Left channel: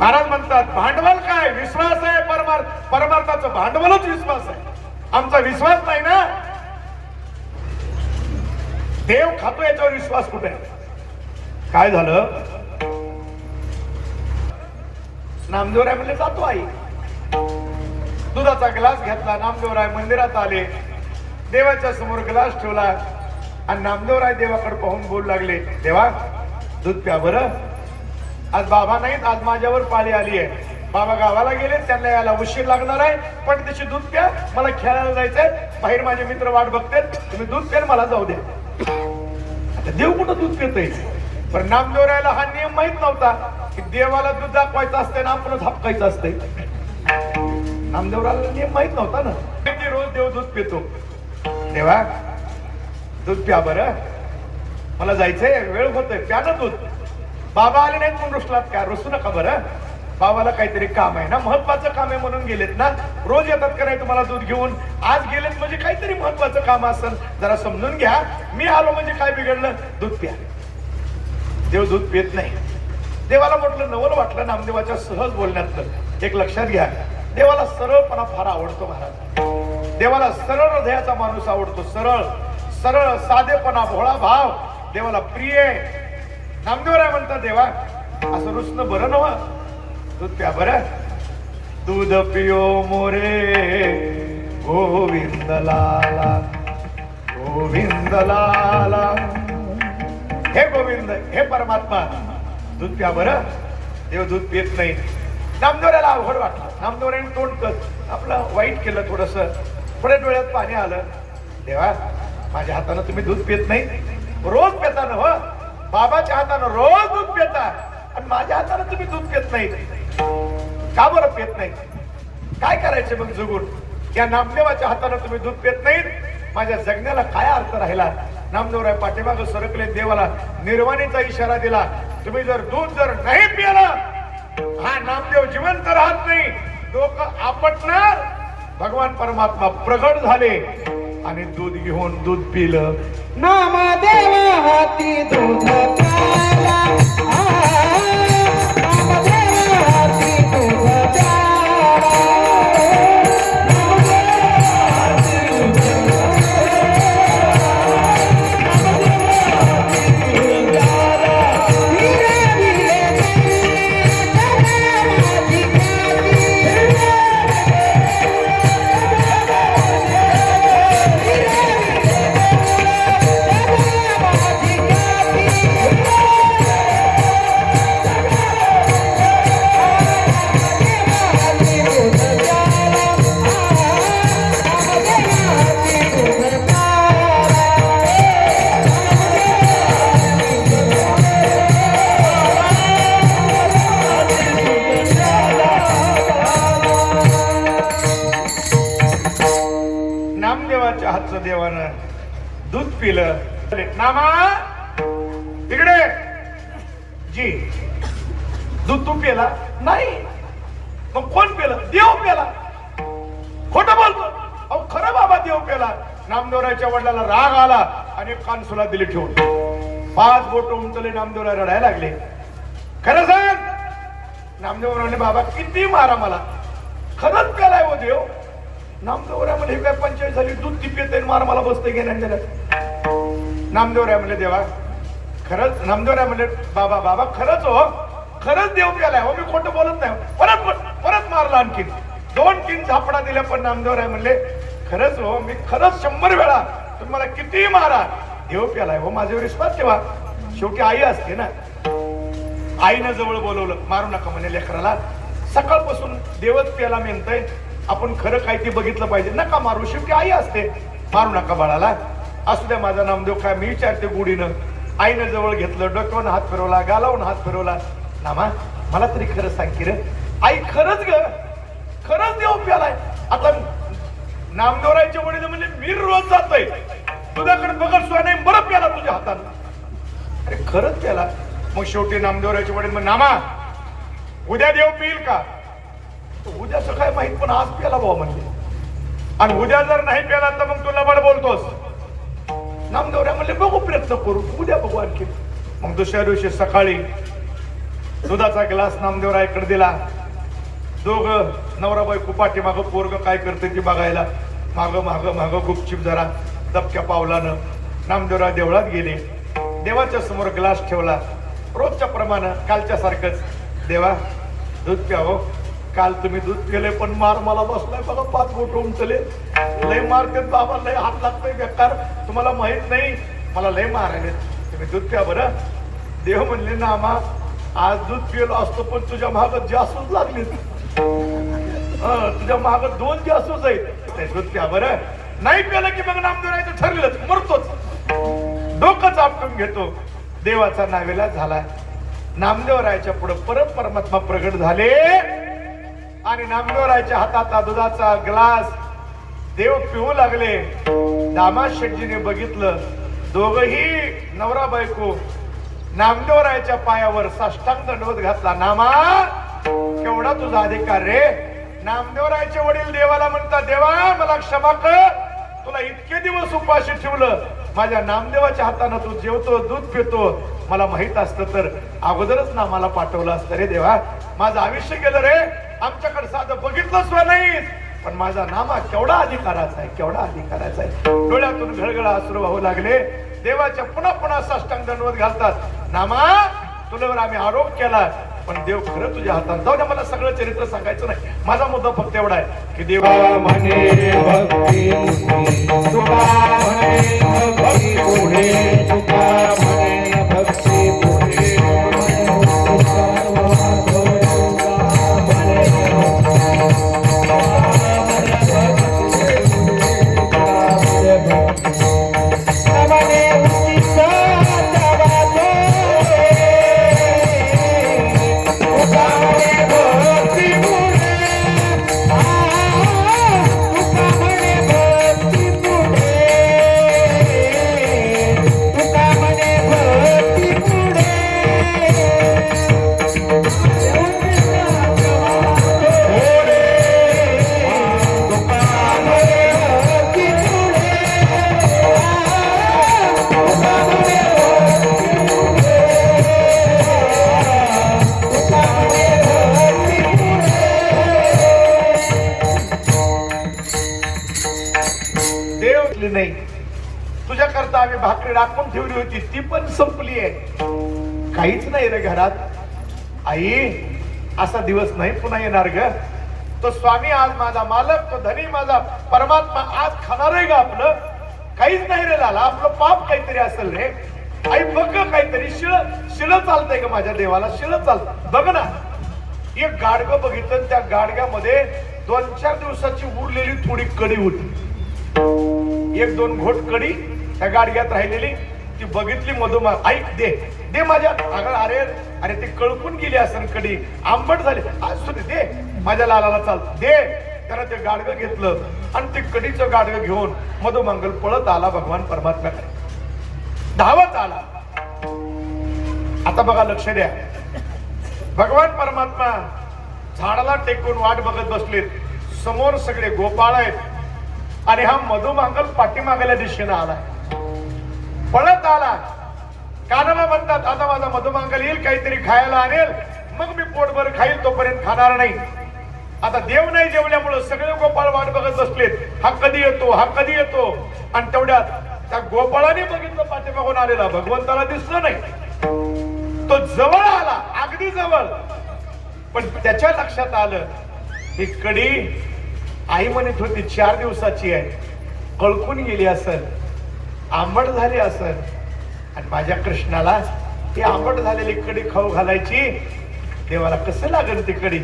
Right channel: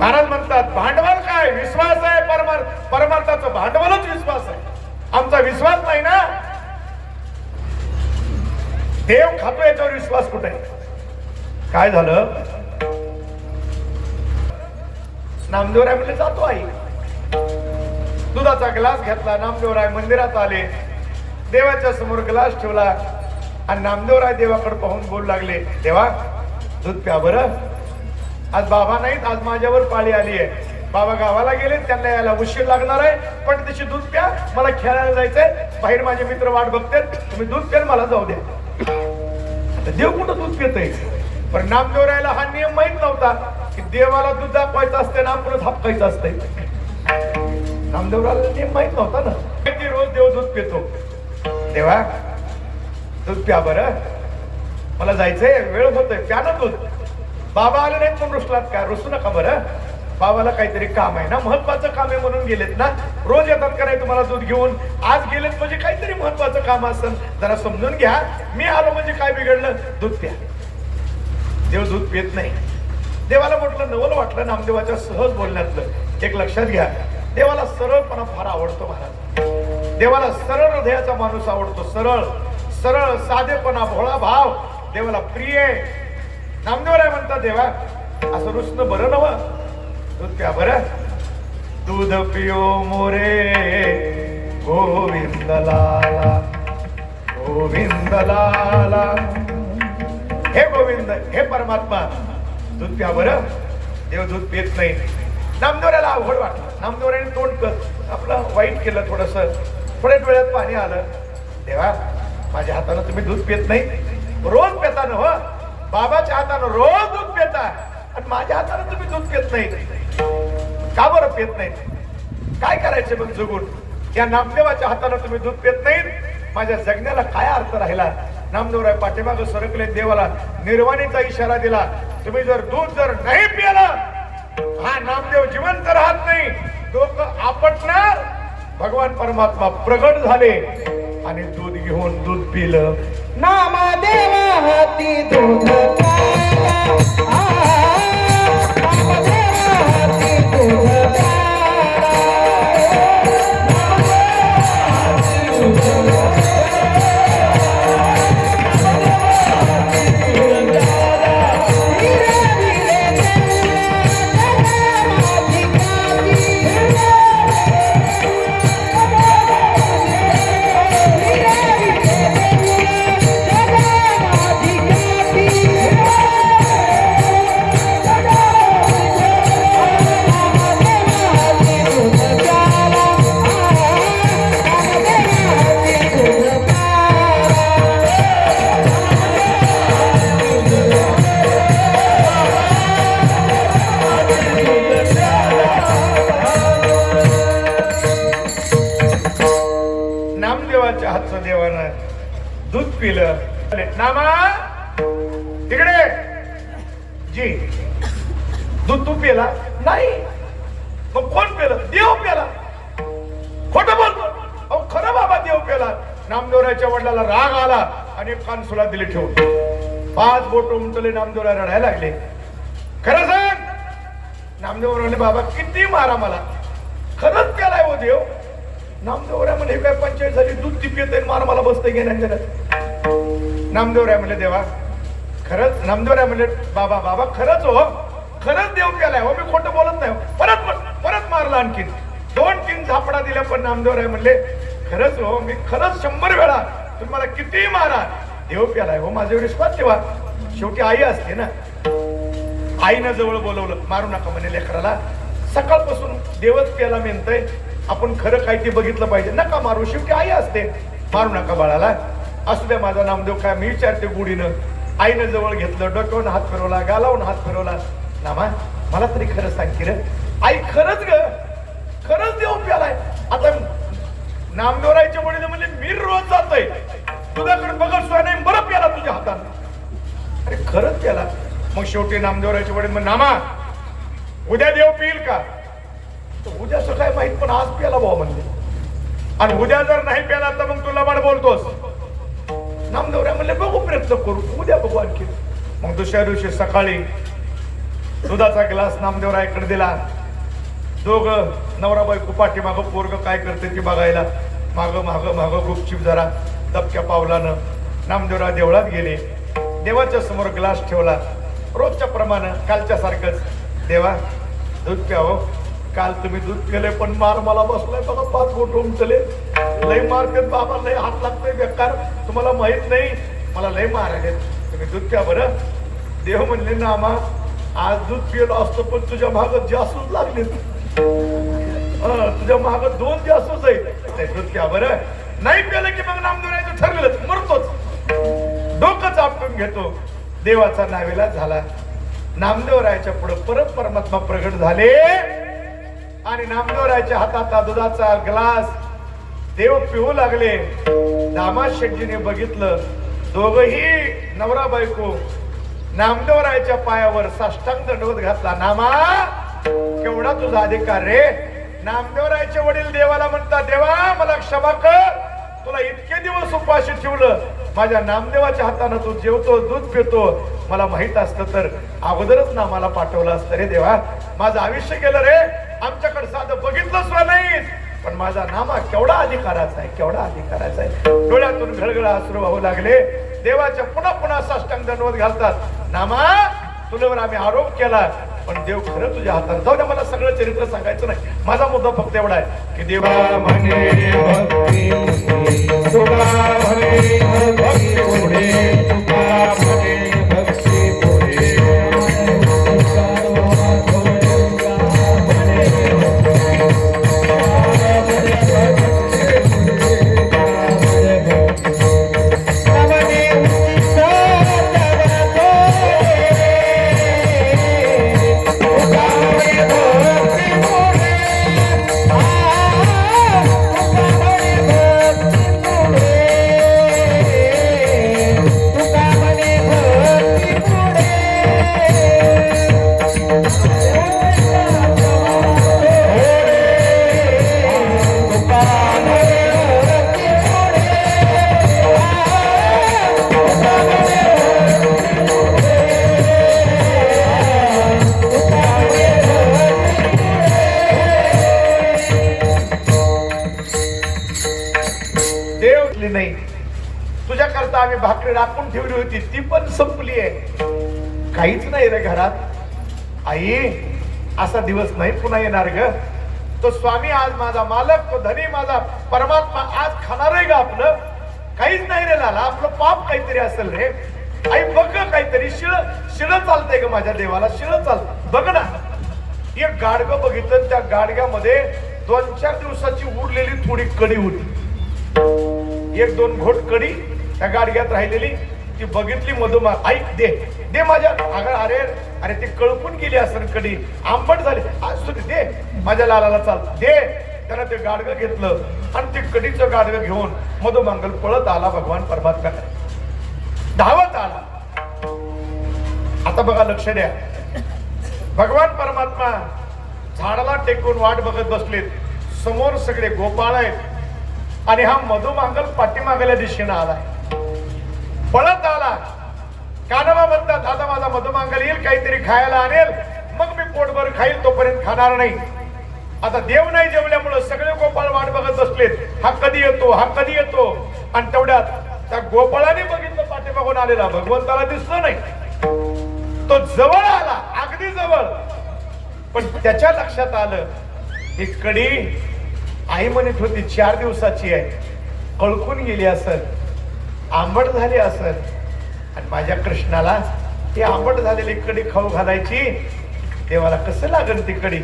महाराज म्हणतात भांडवल काय, विश्वास आहे. परमार्थाचं भांडवलच विश्वास आहे. आमचा विश्वास नाही ना, देव खातो याच्यावर विश्वास कुठे. काय झालं, नामदेवराय म्हणले जातो आई. दुधाचा ग्लास घेतला, नामदेवराय मंदिरात आले, देवाच्या समोर ग्लास ठेवला आणि नामदेवराय देवाकडे पाहून बोलू लागले, देवा दूध प्या बरं. आज बाबा नाहीत, आज माझ्यावर पाळी आली आहे. बाबा गावाला गेले, त्यांना यायला उशीर लागणार आहे, पण त्याची दूध प्या, मला खेळायला जायचंय, बाहेर माझे मित्र वाट बघतात, तुम्ही दूध प्या मला जाऊ द्या. आता देव कुठं दूध पितय. पण नामदेवरायला हा नियम माहित नव्हता की देवाला दूध दाखवायचं असते ना आपलं झापकायचं असतंय. नामदेवरायला नियम माहित नव्हता ना. रोज देव दूध पितो. देवा दूध प्या बरं, मला जायचंय, वेळ होतोय, प्या ना दूध. बाबा आले नाहीत म्हणून रुसलात का, रुसू नका बरं. बाबाला काहीतरी काम आहे ना, महत्वाचं काम आहे म्हणून गेलेत ना. रोज येतात का नाही तुम्हाला दूध घेऊन, आज गेलेत म्हणजे काहीतरी महत्वाचं काम असेल, जरा समजून घ्या. मी आलो म्हणजे काय बिघडलं, दूध प्या. देव दूध पित नाही. देवाला म्हटलं नवल वाटलं नामदेवाच्या सहज बोलण्यातलं. एक लक्षात घ्या, देवाला सरळपणा फार आवडतो महाराज. देवाला सरळ हृदयाचा माणूस आवडतो. सरळ सरळ साधेपणा, भोळा भाव देवाला प्रिय आहे. नामदेवराय म्हणतात, देवा असं रुसणं बरं नव, दूध प्या बरं. दूध पियो मोरे गोविंद लाला, गोविंद लाला. हे गोविंद, हे परमात्मा दूध प्या बरं. देव दूध पित नाही. नामदेवरायला अवघड वाटलं. नामदेवरायने तोंड आपलं वाईट केलं, थोडस थोड्याच वेळात पाणी आलं. देवा माझ्या हातानं तुम्ही दूध पित नाही, रोज पिता ना हो. बाबाच्या हातानं रोज दूध पिता आणि माझ्या हातानं तुम्ही दूध पित नाही. का बरं पित नाही? काय करायचे मग जगून? या नामदेवाच्या हातानं तुम्ही दूध पित नाही, माझ्या जगण्याला काय अर्थ राहिला? नामदेवराय पाठीमागं सरकले, देवाला निर्वाणीचा इशारा दिला. तुम्ही जर दूध जर नाही पिला, हा नामदेव जिवंत राहत नाही, डोकं आपटणार. भगवान परमात्मा प्रगट झाले आणि दूध घेऊन दूध पिलं. नामदेवी हाती दूध प्याला, नामदेवी हाती दूध प्याला. दूध पिलं. नामा तिकडे जी, दूध तू पिला नाही, मग कोण पिलं? देव पिला. खोटं बोलतो. अहो खरं बाबा, देव पिला. नामदेवरायच्या वडिलाला राग आला आणि कानसुला दिली ठेवून. 5 बोट उमटले, नामदेवराय रडायला लागले. खरं सांग. नामदेव म्हणाले, बाबा किती मारा मला, खरंच केलाय हो देव. नामदेवराय म्हणजे काय पंचायत झाली, दूध ती पिते मार मला बसते घेण्या. नामदेवराय म्हणले, देवा खरंच. नामदेवराय म्हणले, बाबा बाबा खरंच हो, खरंच देव केलाय हो, मी खोटं बोलत नाही. परत मारला. आणखीन 2-3 झापडा दिल्या, पण नामदेवराय म्हणले, खरंच हो, मी खरंच 100 वेळा तुम्ही मला किती मारा, देव केलाय हो, माझ्यावर विश्वास ठेवा. शेवटी आई असते ना. आईनं जवळ बोलवलं. मारू नका म्हणे लेकराला, सकाळपासून देवच प्याला मेनतय, आपण खरं काय ते बघितलं पाहिजे, नका मारू. शेवटी आई असते. मारू नका बाळाला, असू द्या माझा नामदेव. काय मी विचारते गुढीनं. आईनं जवळ घेतलं, डोक्यावर हात फिरवला, गालावून हात फिरवला. नामा मला तरी खरं सांग की रे, आई खरंच ग, खरंच देव प्यालाय. आता नामदेवरायचे वडील म्हणजे मी रोज जातोय तुझ्याकडे बघत सुद्धा नाही, बरं प्याला तुझ्या हातानं. अरे खरंच प्याला. मग शेवटी नामदेवरायचे वडील मग, नामा उद्या देव पिईल का? उद्याचं काय माहित, पण आज प्याला भाऊ म्हणजे. आणि उद्या जर नाही प्याला तर मग तू लबाड बोलतोस. नामदेवराय म्हणले, बघू प्रयत्न करू, उद्या बघू आणखी. मग दुसऱ्या दिवशी सकाळी दुधाचा ग्लास नामदेवरायाकडे दिला. दोघं नवरा बायको पाठीमागं पोरग काय करते ते बघायला माग माग माग गुपचीप जरा दबक्या पावलानं नामदेवराय देवळात गेले. देवाच्या समोर ग्लास ठेवला. रोजच्या प्रमाणे कालच्या सारखंच, देवा दूध प्यावं. काल तुम्ही दूध पिले पण मार मला बसलाय बघा, 5 बोट उमटले. लय मारते बाबा, लय हात लागतोय बेकार, तुम्हाला माहित नाही मला लय मारायले. तुम्ही दूध प्या बरं. देव म्हणले नामा आज दूध पिलो असतो पण तुझ्या माग जासूस लागले. तुझ्या माग 2 जासूस आहे. दूध प्या बरं. नाही प्यालं की मग नामदेवरायचं ठरलंच, मरतोच. डोकंच आपटून घेतो. देवाचा नावेला झाला. नामदेवरायाच्या पुढे परत परमात्मा प्रगट झाले आणि नामदेवरायाच्या हातात दुधाचा ग्लास देव पिऊ लागले. दामाद शेटजीने बघितलं. दोघही नवरा बायको नामदेवरायाच्या पायावर साष्टांग दंडवत घातला. नामा केवढा तुझा अधिकार रे. नामदेवरायाचे वडील देवाला म्हणतात, देवा मला क्षमा कर, तुला इतके दिवस उपाशी ठेवलं, माझ्या नामदेवाच्या हाताने तू जेवतो दूध पितो, मला माहित असतं तर अगोदरच नामाला पाठवलं असतं रे देवा. माझं आयुष्य गेलं रे, आमच्याकडे साधं बघितलं सुद्धा नाही, पण माझा नामा केवढा अधिकाराचा आहे, केवढा अधिकाराचा आहे. डोळ्यातून घळघळा अश्रू वाहू लागले. देवाच्या पुन्हा पुन्हा साष्टांग दंडवत घालतात. नामा तुझ्यावर आम्ही आरोप केला पण देव खरं तुझ्या हातात. जाऊ द्या, मला सगळं चरित्र सांगायचं नाही. माझा मुद्दा फक्त एवढा आहे की देवा म्हणे भक्ती तुका म्हणे भक्ती पुढे, तुका म्हणे भक्ती पुढे. नाही तुझ्या करता आम्ही भाकरी राखून ठेवली होती, ती पण संपली आहे. काहीच नाही रे घरात. आई असा दिवस नाही पुन्हा येणार ग. तो स्वामी आज माझा मालक, तो धनी माझा परमात्मा आज खाणार आहे का आपलं? काहीच नाही रे लाला, आपलं पाप काहीतरी असेल रे. आई बघ काहीतरी शिळ शिळ चालतंय ग माझ्या देवाला, शिळ चालत. बघ ना, एक गाडगं बघितलं, त्या गाडग्यामध्ये 2-4 दिवसाची उरलेली थोडी कडी होती. 1-2 घोट कडी त्या गाडग्यात राहिलेली. ती बघितली मधुमा, ऐक दे दे माझ्या. अरे अरे ते कळपून गेली असं कडी, आंबट झाली. आज तू दे माझ्या लालाला, चाल दे. त्यानं ते गाडगं घेतलं आणि ते कडीचं गाडगं घेऊन मधुमांगल पळत आला भगवान परमात्मा, धावत आला. आता बघा, लक्ष द्या. भगवान परमात्मा झाडाला टेकून वाट बघत बसलेत. समोर सगळे गोपाळ आहेत आणि हा मधुमांगल पाठीमागल्या दिशेनं आला, पळत आला. कानोबा म्हणतात, आता माझा मधुमांगल येईल, काहीतरी खायला आणेल, मग मी पोटभर खाईल, तोपर्यंत खाणार नाही. आता देव नाही जेवल्यामुळे सगळे गोपाळ वाट बघत बसलेत, हा कधी येतो, हा कधी येतो. आणि तेवढ्यात त्या गोपाळाने बघितलं पाठीमागून आलेला, भगवंताला दिसलं नाही. तो जवळ आला, अगदी जवळ. पण त्याच्या लक्षात आलं, ही कडी आई म्हणत होती 4 दिवसाची आहे, कळकून गेली असं, आंबट झाली असं. आणि माझ्या कृष्णाला ती आंबट झालेली कडी खाऊ घालायची, देवाला कसं लागल ती कडी?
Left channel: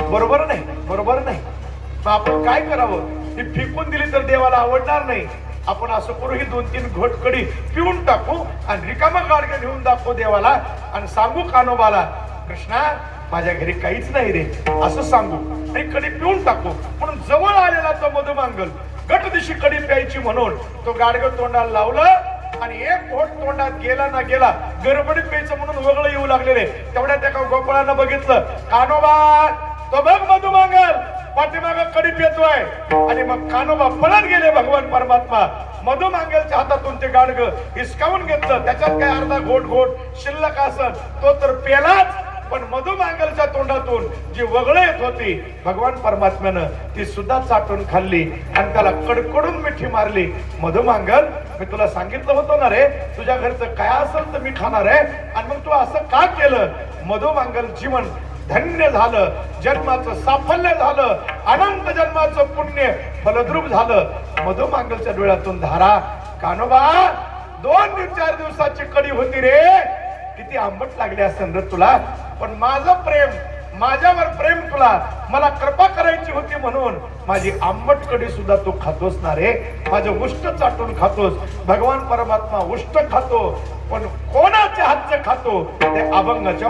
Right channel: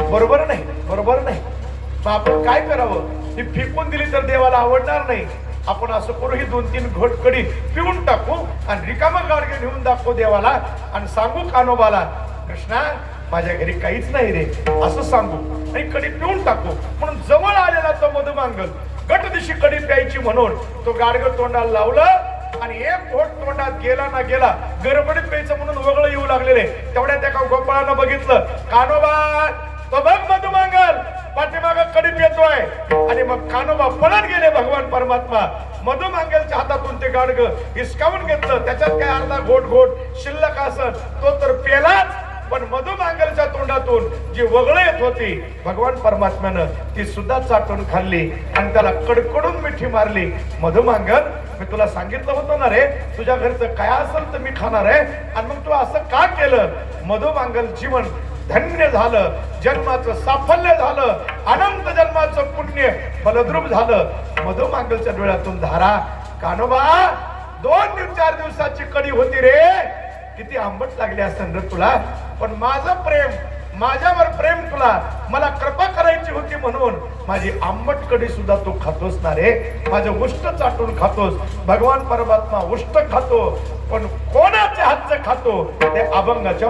बरोबर नाही, बरोबर नाही. मग आपण काय करावं? ती फेकून दिली तर देवाला आवडणार नाही. आपण असं करू, ही 2-3 घोट कडी पिऊन टाकू आणि रिकामा गाडगे घेऊन दाखवू देवाला आणि सांगू कानोबाला, कृष्णा माझ्या घरी काहीच नाही रे, असं सांगू आणि कडी पिऊन टाकू. म्हणून जवळ आलेला तो मधुमांगल गट दिशी कडी प्यायची म्हणून तो गाडगं तोंडाला लावलं आणि एक घोट तोंडात गेला ना गेला, गडबडीत प्यायचं म्हणून वगळं येऊ लागलेले. तेवढ्या त्या गोपाळानं बघितलं, कानोबा तो बघ मधुमांगल पाठीमाग कडी पितोय. आणि मग कानोबा पळत गेले. भगवान परमात्मा मधुमांगलच्या हातातून ते गाडगं हिसकावून घेतलं. त्याच्यात काय अर्धा घोट शिल्लक असत, तो तर पेलाच. पण मधुमांगलच्या तोंडातून जी वगळं येत होती भगवान परमात्म्यानं ती सुद्धा चाटून खाल्ली आणि त्याला कडकडून मिठी मारली. मधुमांगल, मी तुला सांगितलं होतं ना रे, तुझ्या घरचं काय असेल तर मी खाणार आहे, आणि मग तू असं का केलं? मधुमांगल जीवन धन्य झालं, जन्माचं साफल्य झालं, अनंत जन्माचं पुण्य फलद्रूप झालं. मधुमांगलच्या डोळ्यातून धारा. कानोबा, 2-4 दिवसाची कडी होती रे, किती आंबट लागली असेल रे तुला, पण माझं प्रेम, माझ्यावर प्रेम तुला, मला कृपा करायची होती म्हणून माझी आंबट कडी सुद्धा तू खातोस ना रे. माझं उष्ट चाटून खातोस. भगवान परमात्मा उष्ट खातो, पण कोणाच्या हातचं खातो? ते अभंगाच्या